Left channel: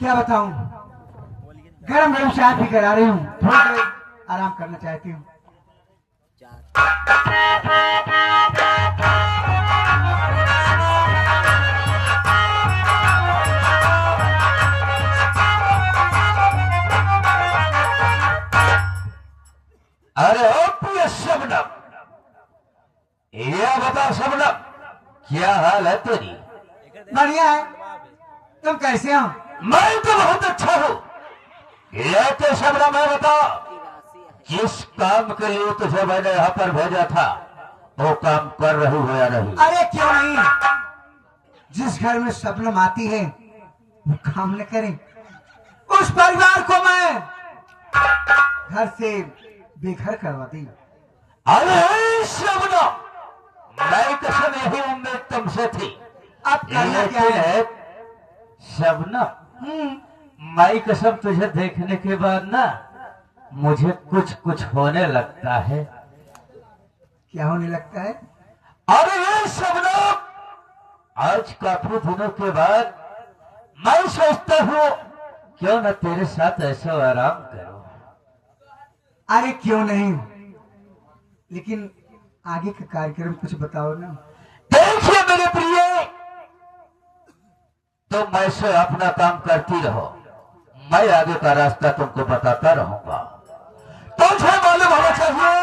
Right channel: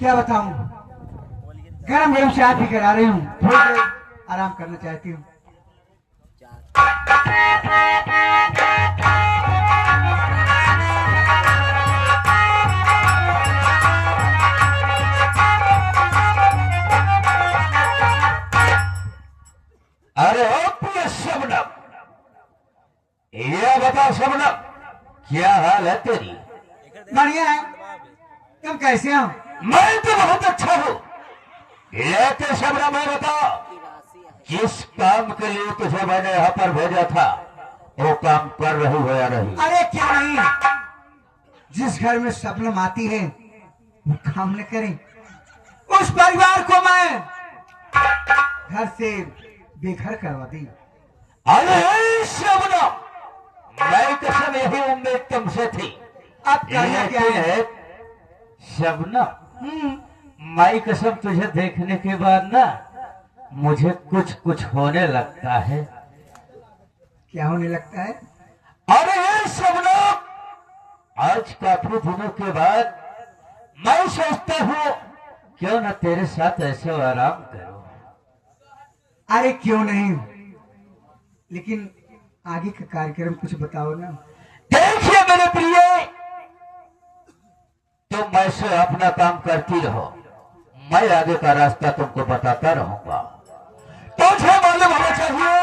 क्या बताऊं, गरम गरम चाय पी कर आ रही हूँ, थोड़ी देर आराम करना चाहती हूँ। अरे ओ प्रिय शबनम, यह बताओ शबनम, क्या हाल है तेरी? बढ़िया है, तुम कैसे हो? मैं तो बहुत अच्छा हूँ। लेते शबनम, मैं बताओ, जिस काम के लिए तुझे मैंने यहाँ पर भेजा था वो काम कर रही हो या नहीं? अरे क्यों नहीं, जिस घर में शबनम आती है वो काम न करें, उस परिवार को मैं घर से बेघर करवा दी। अरे शबनम, मेरी कसम यही उम्मीद तुमसे थी। अब करना क्या है? शबनम, मैं कसम तुझे देखने के बाद ना मुझे कुछ कुछ होने लगता है। क्या होने लगता है? अरे ये शबनम, आज काफी दिनों के बाद मैं सोचता हूँ क्यों न तेरे साथ ऐसा आराम करो। अरे क्यों नहीं, लेकिन आगे का कार्यक्रम कुछ बताओ ना। देखिए मेरे प्रिय, तुम ऐसे अपना काम करती रहो, मैं आगे का रास्ता तुमको बताता रहूंगा। तुझे मालूम होना चाहिए,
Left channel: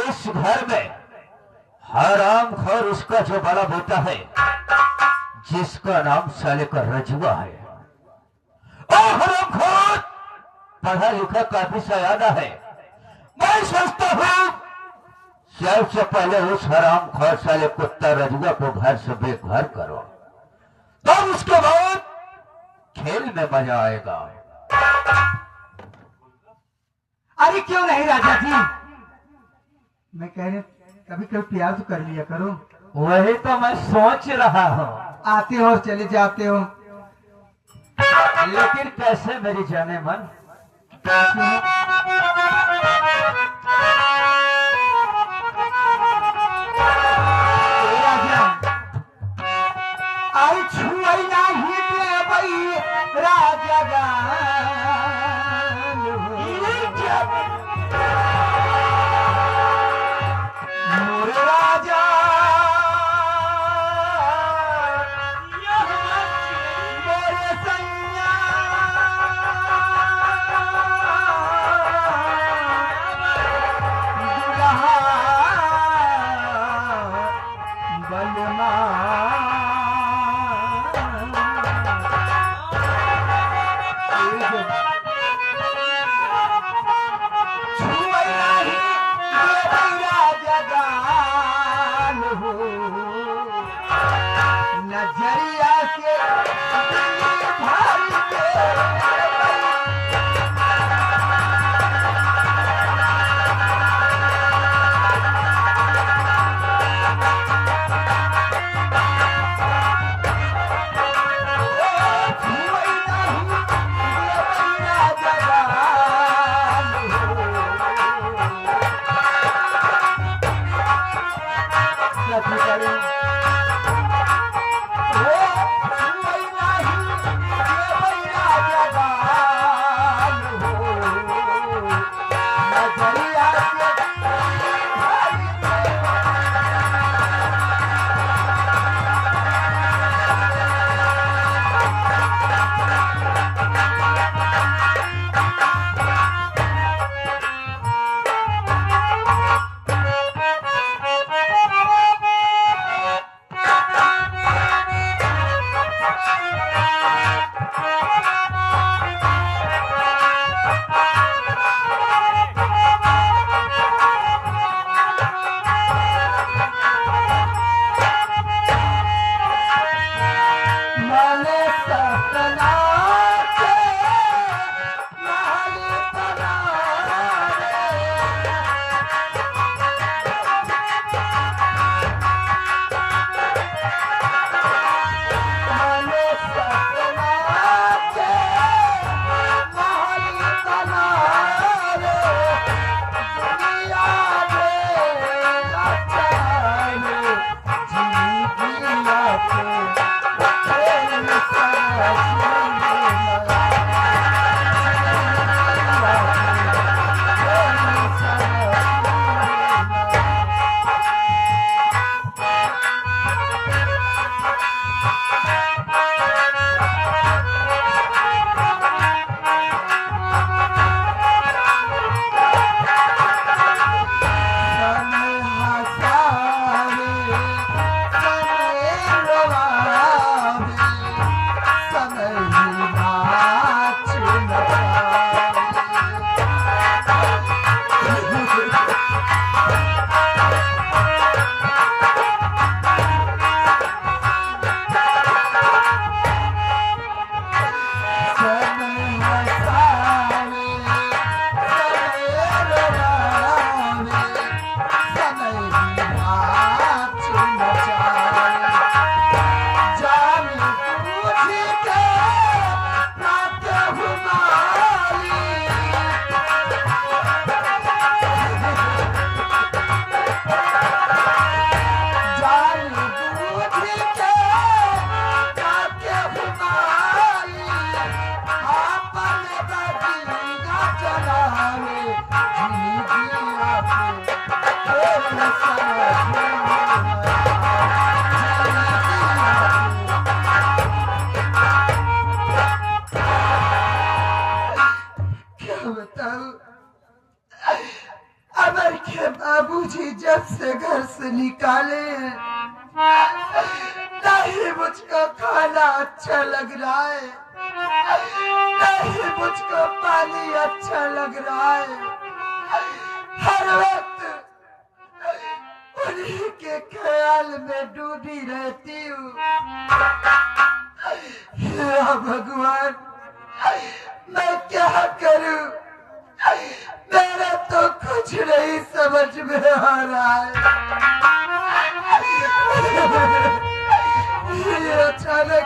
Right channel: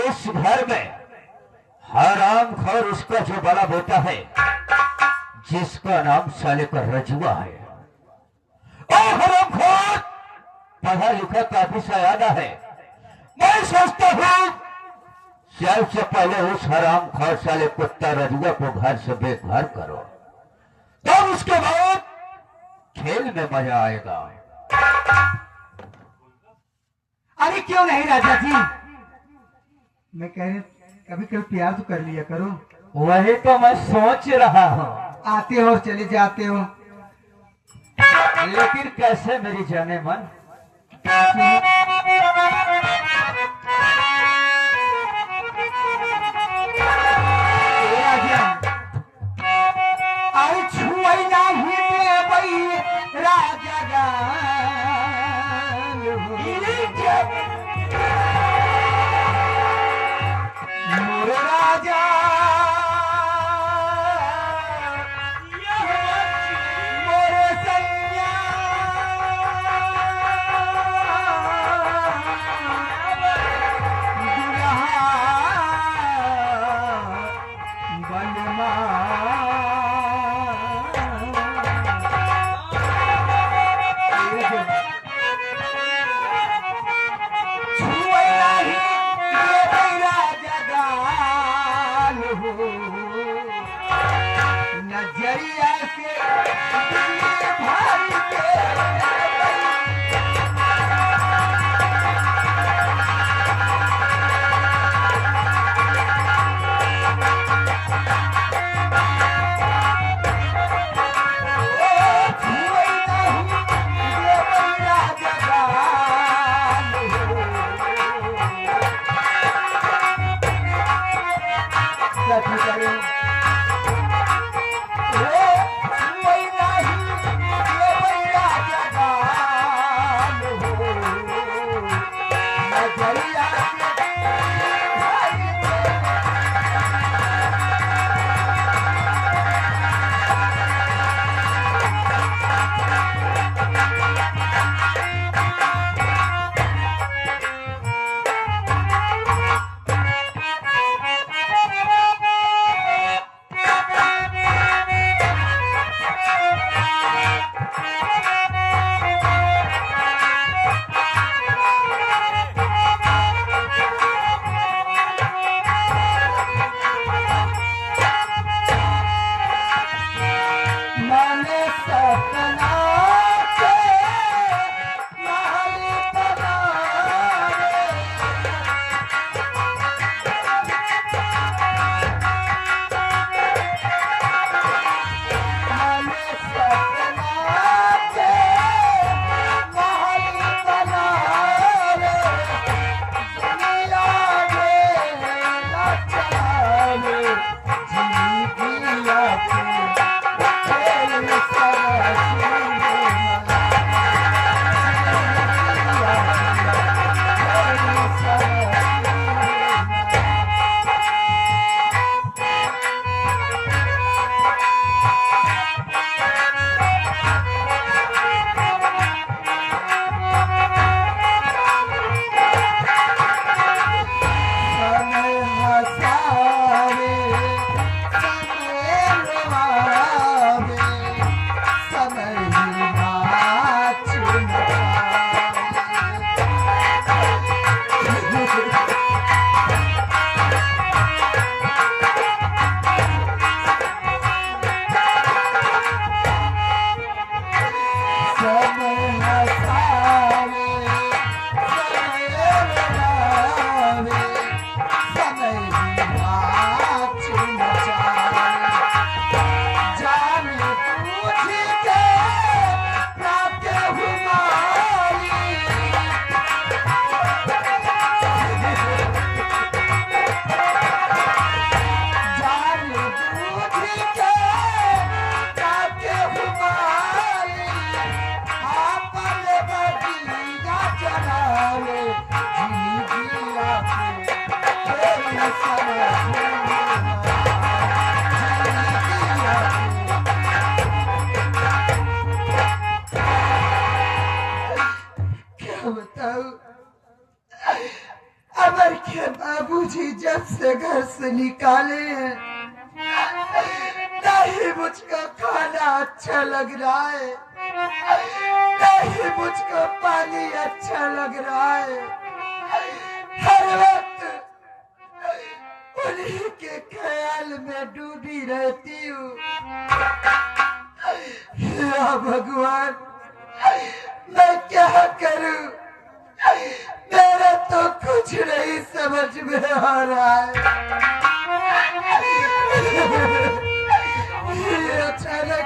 इस घर में हराम खोर उसका जो बड़ा बेटा है, जिसका नाम साले का रजुआ है। और हराम खोर पढ़ा लिखा काफी सयाना है। मैं सोचता हूँ सबसे पहले उस हराम खोर साले कुत्ता रजुआ को घर से बेघर करो, तब उसके बाद खेल में मजा आएगा। अरे क्यों नहीं राजा जी, मैं कह रही कभी कभी प्यार तो कर लिया करो। वही तो मैं सोच रहा हूँ। आते हो चले जाते हो, लेकिन कैसे मेरी जाने मन? राजा, अरे छुआई ना ही कथी करूं ओ वही नहीं ये भैया जवान हो नजरिया के अमर के बाबूजी जब से घर से निकाले हैं नहीं मुझको खाना अच्छा लग रहा है नहीं मुझको पानी अच्छा लग रहा है हर वक्त उन्हीं के ख्याल में डूबी रहती हूँ या भगवान मैं क्या करूं मेरा तो कुछ नहीं समझ में आ रहा है ये अचानक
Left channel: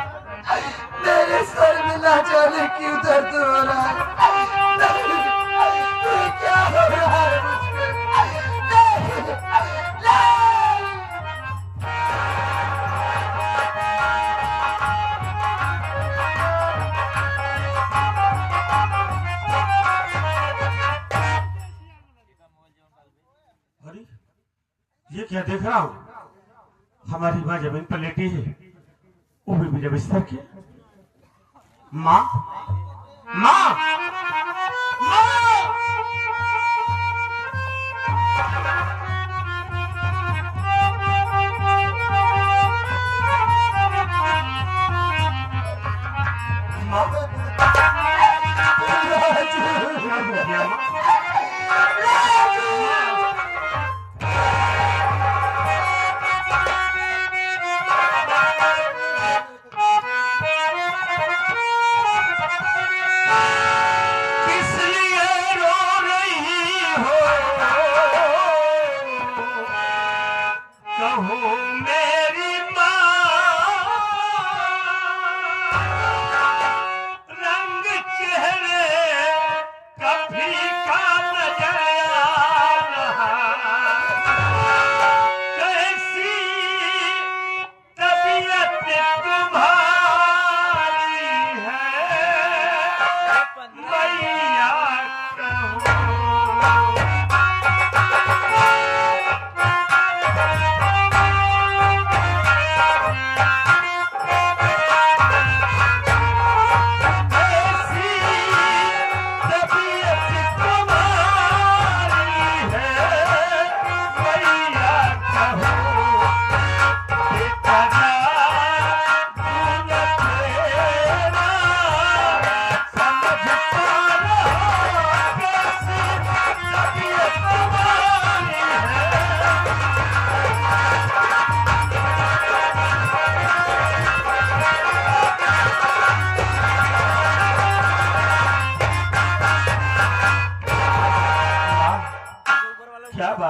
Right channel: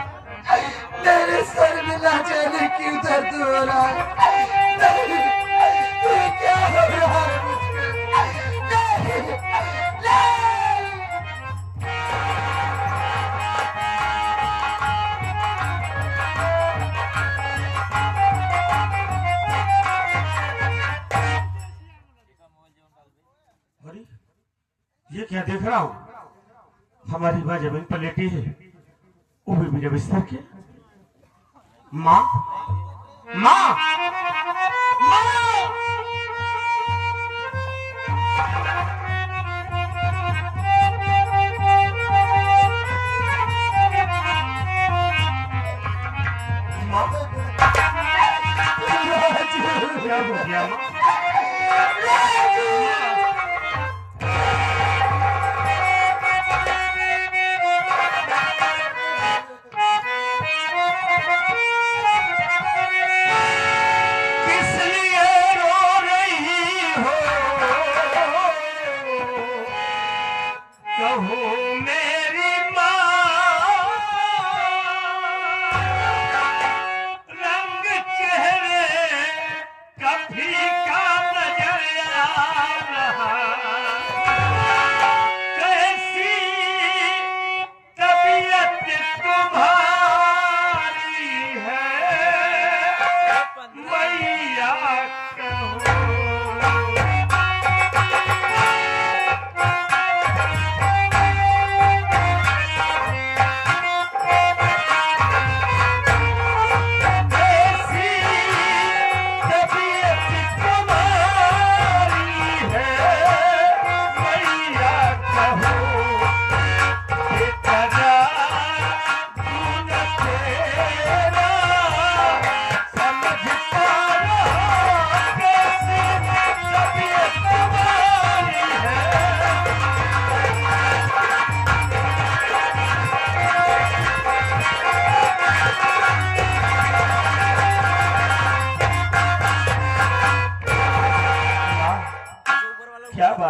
मेरे सर में ना जाने क्यों दर्द हो रहा है नहीं ये क्या हो रहा है मुझको नहीं अरे ये क्या देख रहा हूँ हमारी माँ जमीन पर लेटी है वो भी मेरे बिस्तर के माँ माँ क्या हो गया माँ? किस लिए रो रही हो कहो मेरी माँ रंग चेहरे कभी का नजर आ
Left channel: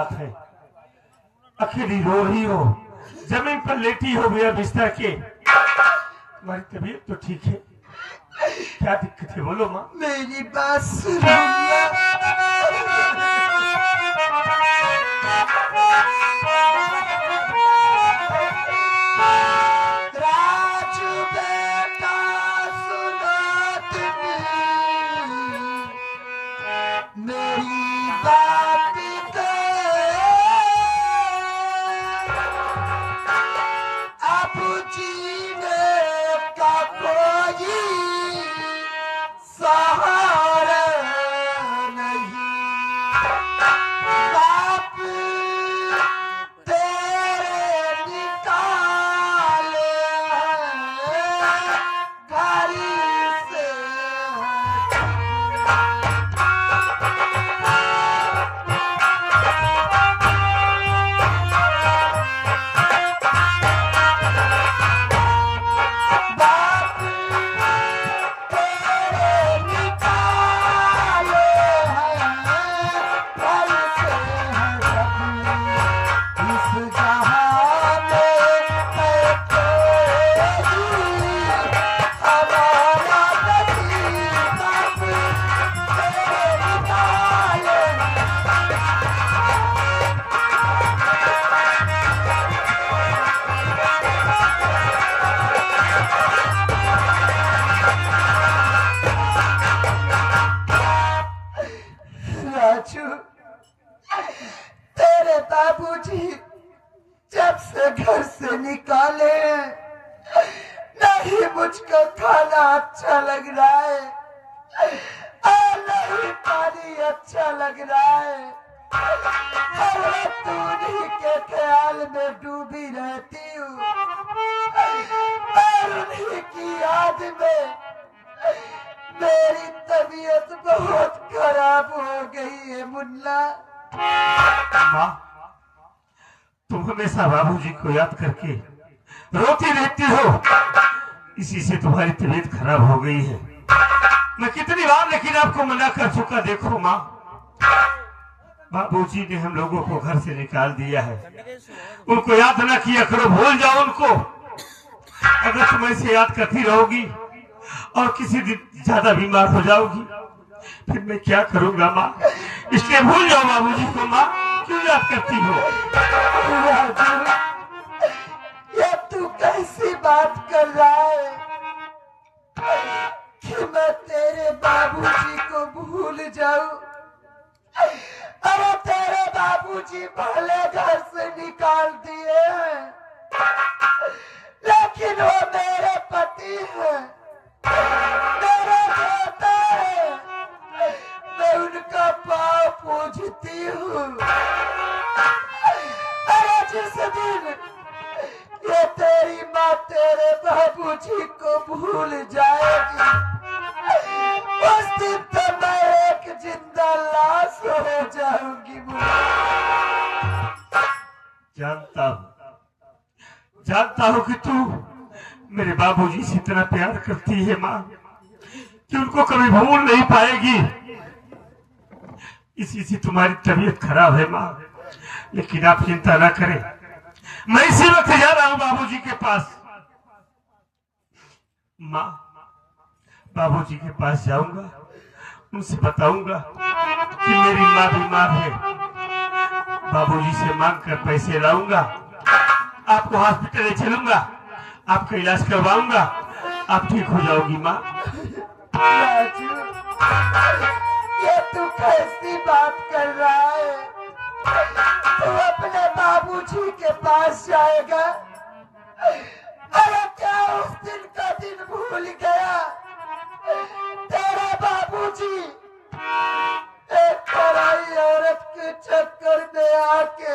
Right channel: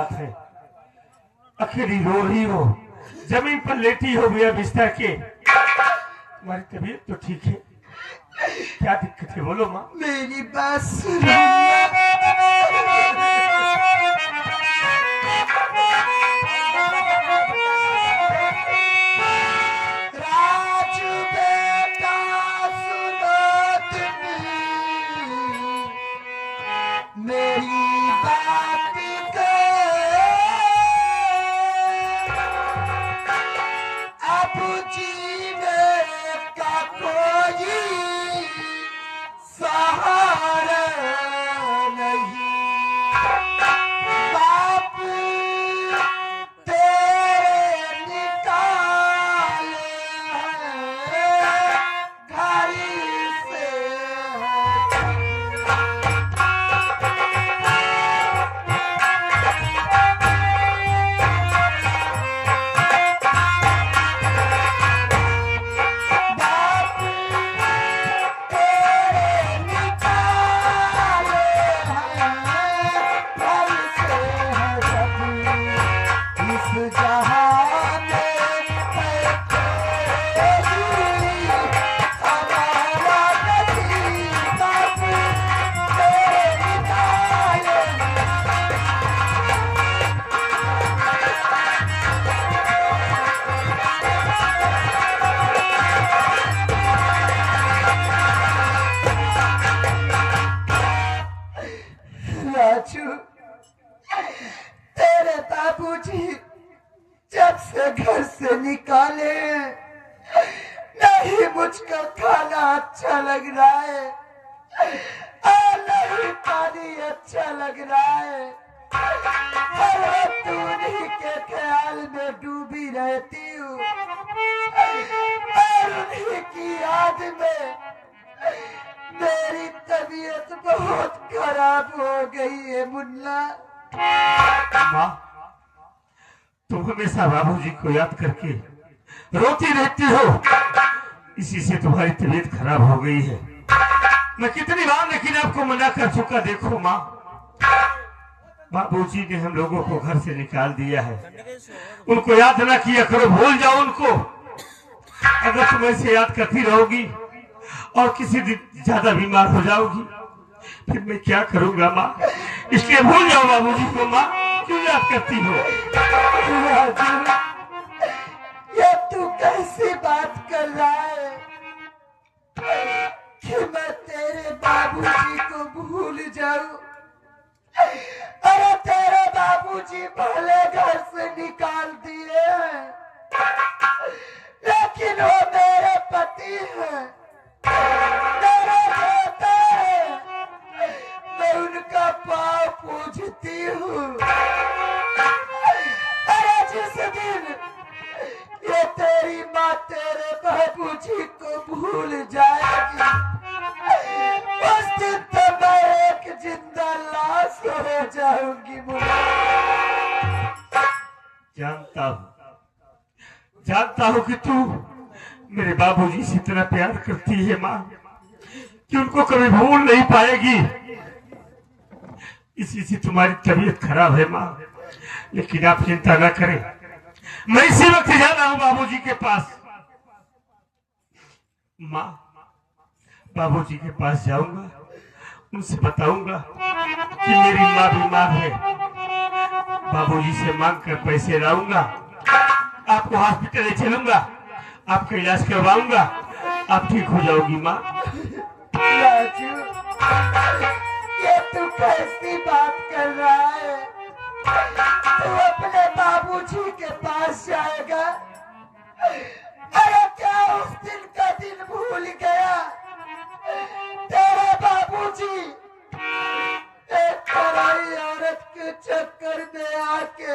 बात है, अकेली रो रही हो, जमीन पर लेटी हो बिना बिस्तर के। तुम्हारी तबीयत तो ठीक है, क्या दिक्कत है बोलो माँ। मेरी बात सुनो मुन्ना। राजू बेटा सुनो तुम्हें मेरी बात को, अब जीने का कोई सहारा नहीं। बाप तेरे निकाले घर से, बाप तेरे निकाले हैं घर से सब। इस जहां में है कोई हमारा नसीब, बाप तेरे निकाले। राजू, तेरे बाबूजी जब से घर से निकाले, नहीं मुझको खाना अच्छा लग रहा है और नहीं पानी अच्छा लग रहा है। हर वक्त उन्हीं के ख्याल में डूबी रहती हूँ और उन्हीं की याद में मेरी तबीयत बहुत खराब हो गई है मुन्ना। माँ, तुम हमेशा बाबूजी को याद करके रोती रहती हो, इसी से तुम्हारी तबीयत खराब हो गई है। मैं कितनी बार लेकिन आपको मना कर चुका। देखो माँ, बाबूजी ने हम लोगों को घर से निकाल दिया है, उनको याद ना किया करो, भूल जाओ उनको। अगर तुम ऐसे याद करती रहोगी और किसी दिन ज्यादा बीमार हो जाओगी, फिर मैं क्या करूंगा माँ। इसलिए भूल जाओ बाबूजी को माँ, क्यों याद करती हो। राजू, ये तू कैसी बात कर रहा है कि मैं तेरे बाबूजी को भूल जाऊं। अरे तेरे बाबूजी पहले घर से निकाल दिए हैं, लेकिन वो मेरे पति हैं, मेरा बेटा है। मैं उनका पाँव पूजती हूँ। अरे जिस दिन ये तेरी माँ तेरे बाबूजी को भूल जाएगी, उस दिन तो मैं एक जिंदा लाश हो जाऊंगी। जानता हूँ कि तू मेरे बाबूजी से इतना प्यार करती है माँ कि उनको कभी भूल नहीं पाएगी। इसी से तुम्हारी तबीयत खराब है माँ, लेकिन आप चिंता न करें, मैं इसी वक्त जा रहा हूँ बाबूजी के पास। माँ, बाबूजी के पास जाऊंगा, उनसे बताऊंगा कि मेरी माँ बीमार है, बाबूजी से मांग कर पैसे लाऊंगा, आपको हॉस्पिटल ले चलूंगा, आपका इलाज करवाऊंगा, आप ठीक हो जाओगी माँ। राजू, ये तू कैसी बात कर रहा है? तू अपने बाबूजी के पास जाएगा? अरे क्या उस दिन का दिन भूल गया? तेरे बाबूजी एक पराई औरत के चक्कर में आके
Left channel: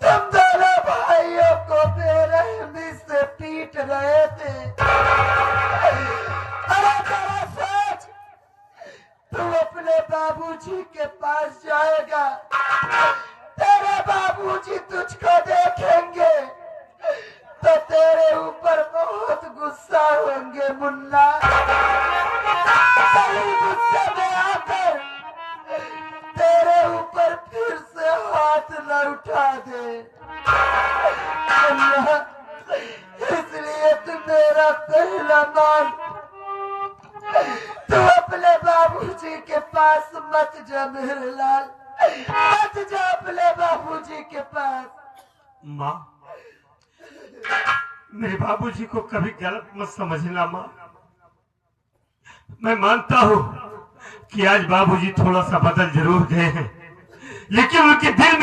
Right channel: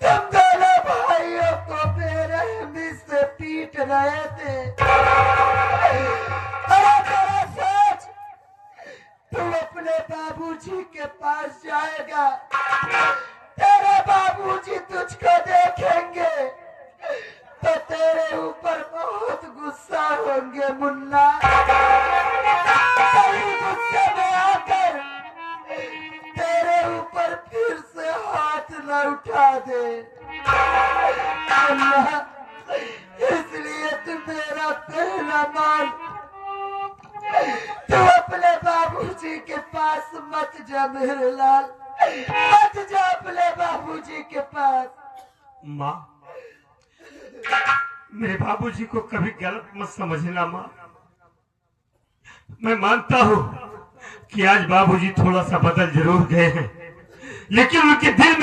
तुम दोनों भाइयों को बेरहमी से पीट रहे थे। अरे तेरा सोच, तू अपने बाबूजी के पास जाएगा, तेरे बाबूजी तुझको देखेंगे तो तेरे ऊपर बहुत गुस्सा होंगे मुन्ना। कहीं गुस्से में आकर तेरे ऊपर फिर से अमल, तू अपने बाबूजी के पास मत जा मेरे लाल, मत जा अपने बाबूजी के पास। माँ, मेरे बाबूजी को कभी गलत मत समझना माँ। मैं मानता हूँ कि आज बाबूजी थोड़ा सा बदल जरूर गए हैं, लेकिन उनके दिल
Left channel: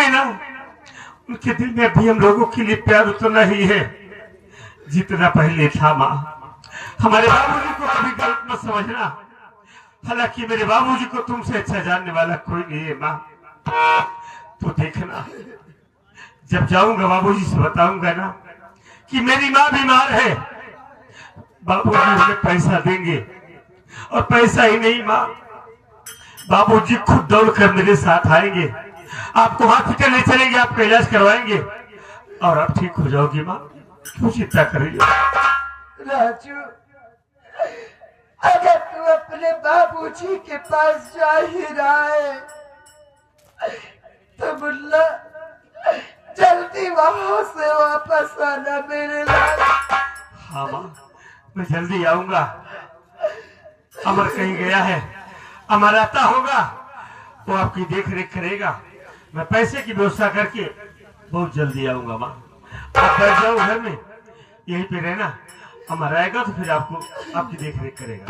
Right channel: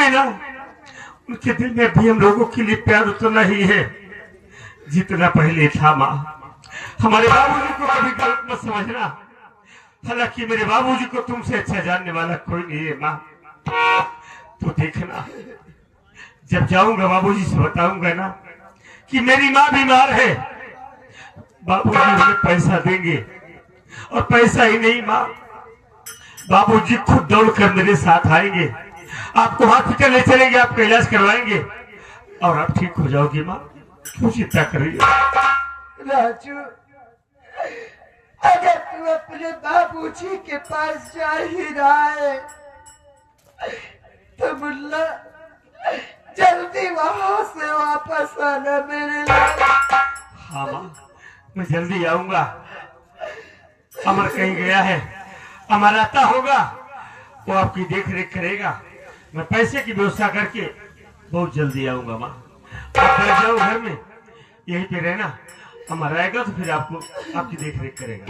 में अभी हम लोगों के लिए प्यार उतना ही है जितना पहले था माँ। हमारे बाबूजी को कभी गलत मत समझना। हालांकि मेरे बाबूजी को तुमसे अच्छा जानने वाला कोई नहीं है माँ। तो देखना, जब जाऊंगा बाबूजी से बताऊंगा ना कि मेरी माँ बीमार है, बाबूजी हमें पैसा देंगे। और पैसा ही नहीं माँ, बाबूजी खुद दौड़कर मेरे साथ आएंगे, आपको हॉस्पिटल ले चलेंगे, आपका इलाज करवाएंगे और आप ठीक हो जाओगी माँ। क्यों चिंता कर रही हो? राजू, अगर तू अपने बाबूजी के पास जा ही रहा है तो मुल्ला जल्दी वहां से वापस आना मेरे लिए। हाँ माँ, मैं जल्दी आऊंगा। अमर कहीं गया है, अमर आता होगा, वो आपकी देख रेख करेगा। मैं पैसे की व्यवस्था करके बहुत जल्दी आऊंगा माँ। आप बैठ जाओ घर में, यहीं पे रहना। अमर आएगा तो फिर आपको आपकी देख रेख करेगा।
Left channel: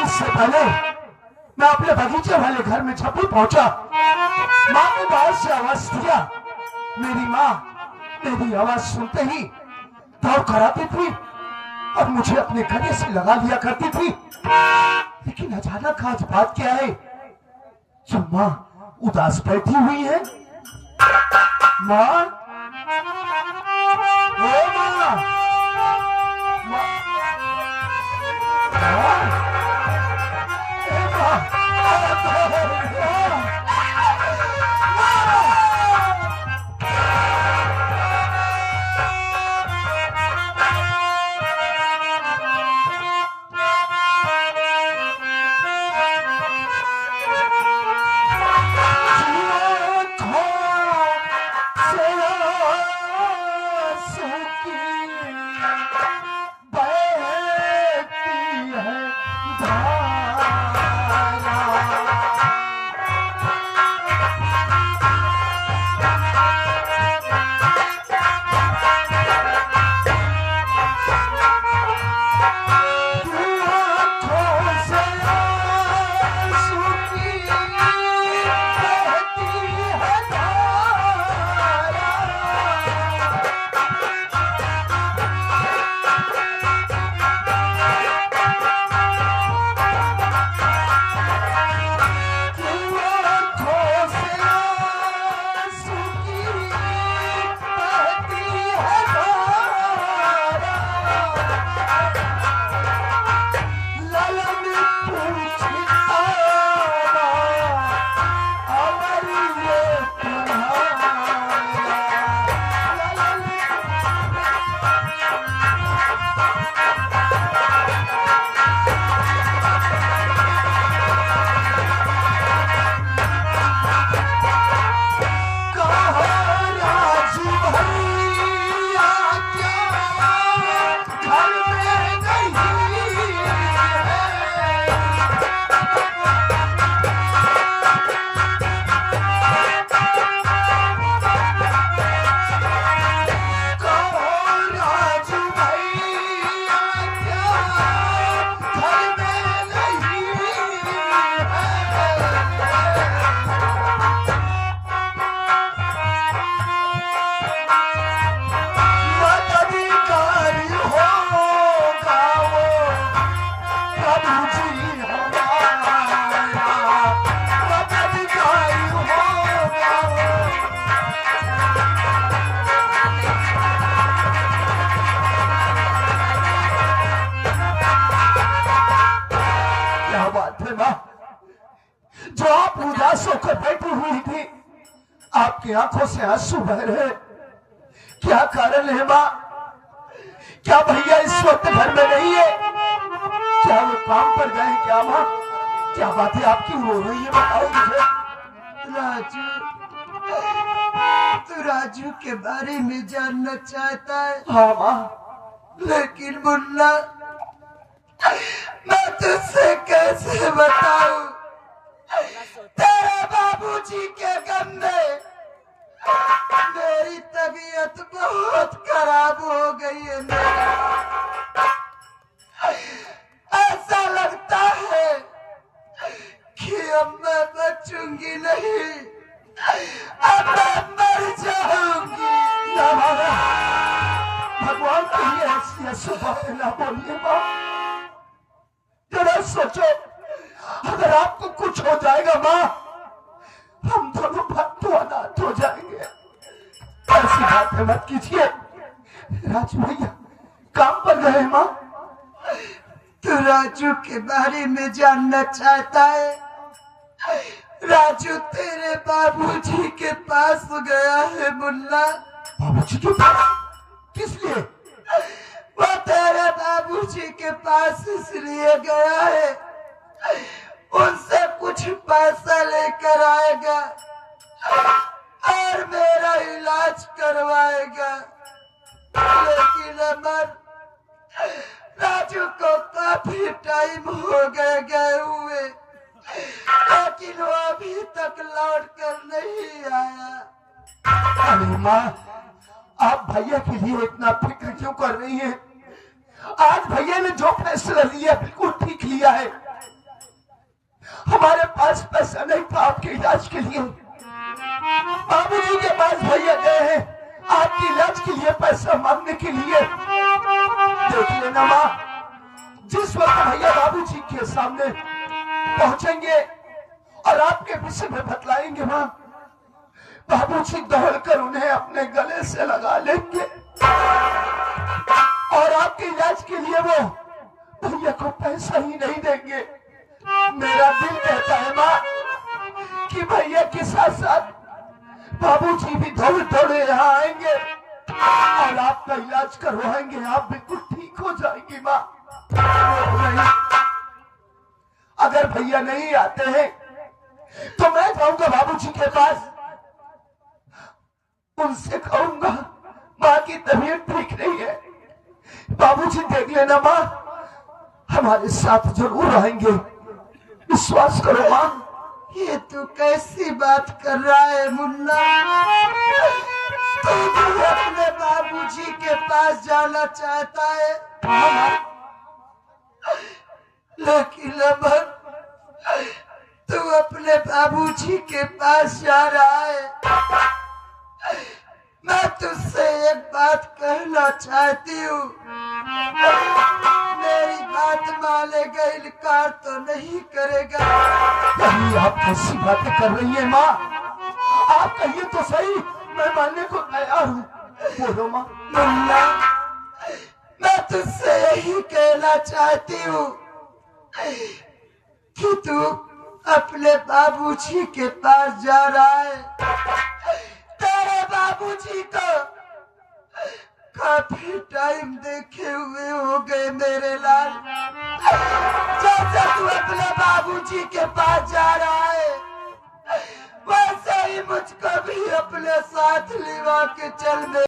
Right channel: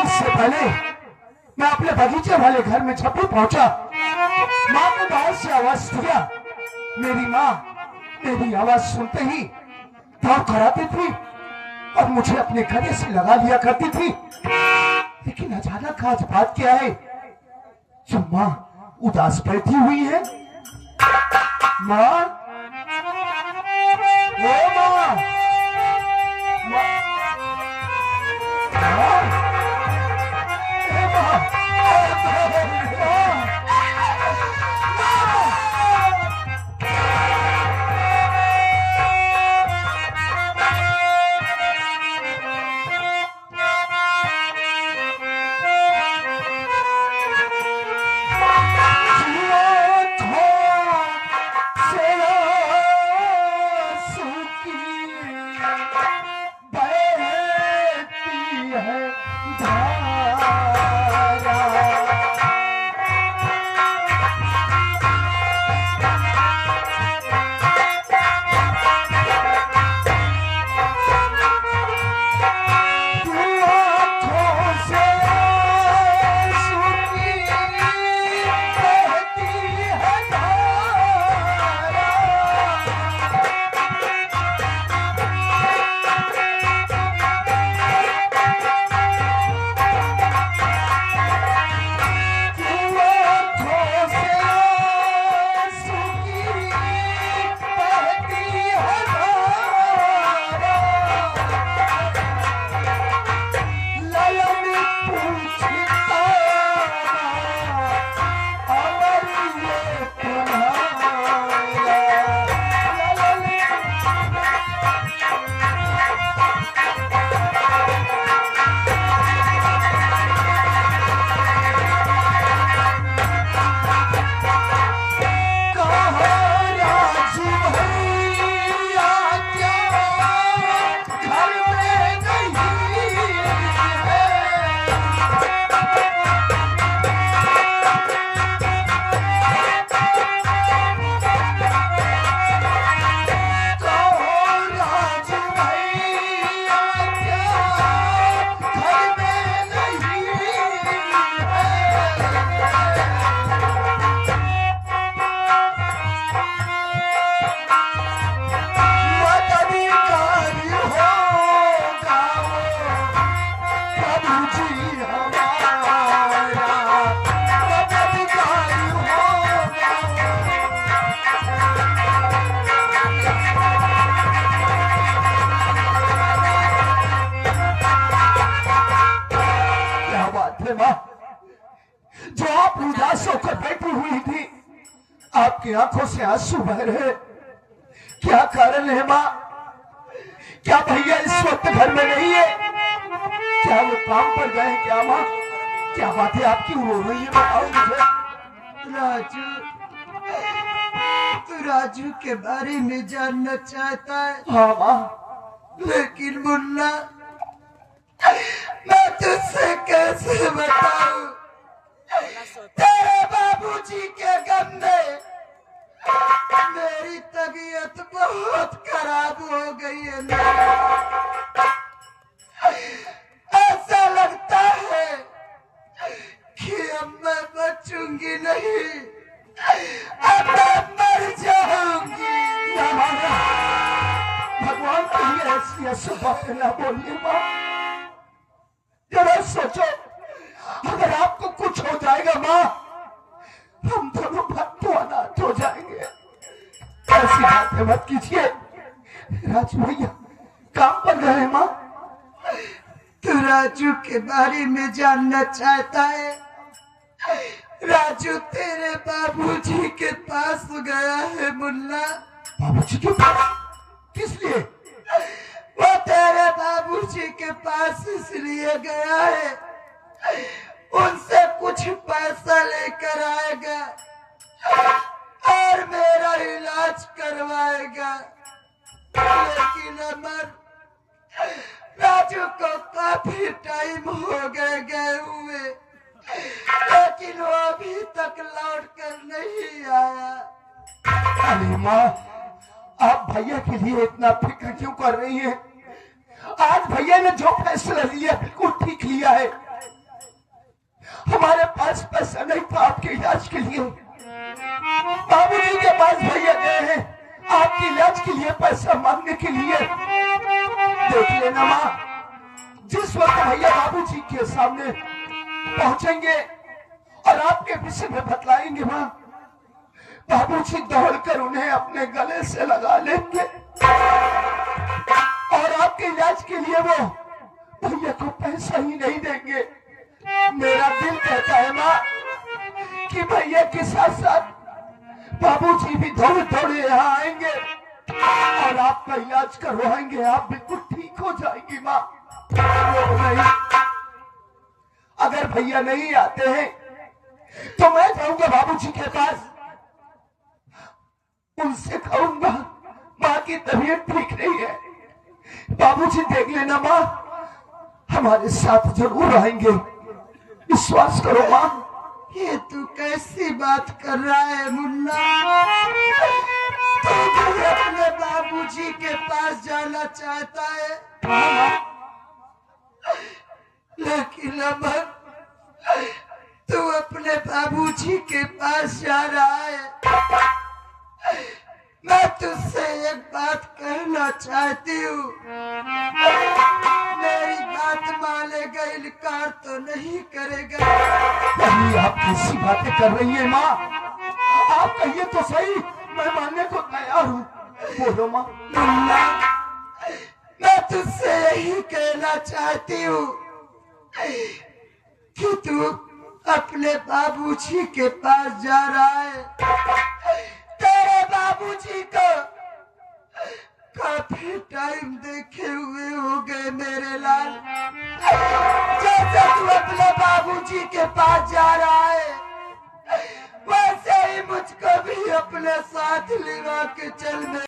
इससे पहले मैं अपने बगीचे वाले घर में छपी पहुंचा, माँ ने बाहर से आवाज दिया। मेरी माँ मेरी आवाज सुनते ही दौड़ कर आती थी और मुझे अपने गले से लगा लिया करती थी। लेकिन अचानक आज बात क्या है, जो माँ उदास बैठी हुई है। माँ, ओ माँ, उदास होकर बैठी हुई थी, आपकी आंखों से आंसू बह रहे, क्या कारण है माँ? क्या भैया इस वक्त घर में नहीं है? क्या वो काम पर गए? क्या माँ, क्या बात है? आप क्यों रो रही है? बताओ मुझे। राजू, तू राजू के बारे में जानना चाहता है? हाँ माँ। लेकिन मुन्ना, मैं तुझसे कैसे बताऊं? तेरे बाबूजी के गम में मेरी तबीयत बहुत खराब हो गई है। ऐसा लगता है कि अब मैं बचूंगी नहीं, अब मैं मर जाऊंगी। ना माना, भगवान के लिए ऐसी बातें ना बोलिए माँ। जरा सोचो, अगर आपको कुछ हो जाएगा माँ, हम दोनों भक्तों अनाथ हो जाएंगे। ऐसी बातें मत कीजिए। राजू भैया काम पर गए माँ। तू राजू के बारे में जानना चाहता है? राजू तेरे बाबूजी के पास गया है मुन्ना। बाबूजी के पास? किस लिए? वो तेरे बाबूजी के पास इसलिए गया है, उनसे कुछ पैसा लेकर आएगा और मेरा इलाज करवाएगा। लेकिन अमर, राजू को काफी टाइम हो गए हुए, लेकिन वो अभी तक लौट कर नहीं आया। अरे माँ, आप भैया के लिए इतना फिक्र क्यों कर रही हैं? आज भैया ने जो फैसला लिया बिल्कुल ठीक लिया है। हमारे पास पैसा नहीं था आपके इलाज के लिए, बाबूजी के पास भैया गए हैं आपके इलाज के लिए पैसा मांगने के लिए। देख लेना माँ, जिस वक्त भैया बाबूजी के सामने पहुंचेंगे और आपके विषय में बतलाएंगे माँ, बाबूजी दौड़कर उन्हें अपने गले से लगा लेंगे और आपके इलाज के लिए वो भैया को पैसा ही नहीं देंगे। मेरा दिल कहता है माँ कि भैया के साथ साथ बाबूजी भी दौड़ दौड़े यहाँ आएंगे और आपका इलाज करवाएंगे। आप बिल्कुल ठीक हो जाएंगी माँ। नहीं, अगर भैया नहीं आते हैं तो मैं जाऊंगा बाबूजी के पास, उनसे कहूंगा माँ की तबीयत ठीक नहीं है। बाबूजी देख लेना माँ, हमारे साथ जरूर आएंगे, विश्वास करो माँ। ये तू कैसी बात कर रहा है मुन्ना? तू भी अपने बाबूजी के पास जाना चाहता है? लेकिन अमर, तू अपने बाबूजी के पास जा रहा है। मैं तुझसे एक बात कहना चाहती हूँ, मेरी बात मानेगा, इनकार तो नहीं करेगा। नहीं, आप कैसी बातें कर रही है माँ? आप कहिए तो सही, मैं मानने को तैयार हूँ। बोलो माँ। मुन्ना, मैं तुझसे यही कहना चाहती हूँ कि तू अपने बाबूजी के पास जा रहा है। तेरे बाबूजी को काफी टाइम देखे हुए हो गए मेरे लाल। जैसे तू अपने बाबूजी के पास जा रहा है, वैसे ही मुझको भी अपने साथ लिवा के चल।